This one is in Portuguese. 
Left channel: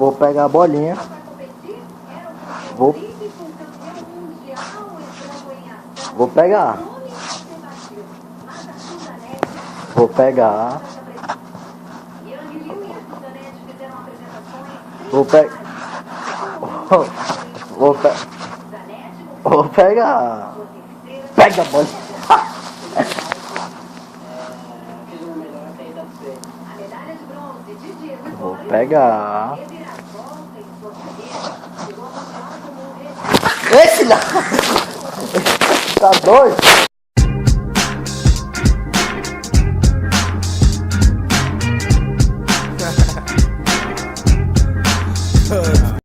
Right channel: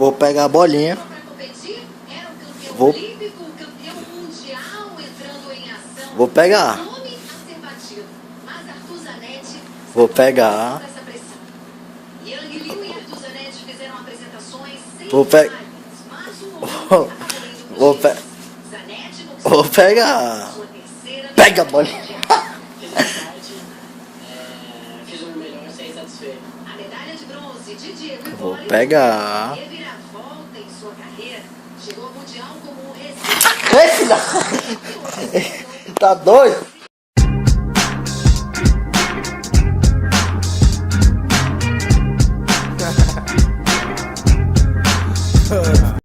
Vou pegar a bolinha. Vou, vou pegar. Vou pegar. Vou pegar. Vou pegar. Pega a bolinha. Vou pegar. Esse lá. Tá doido?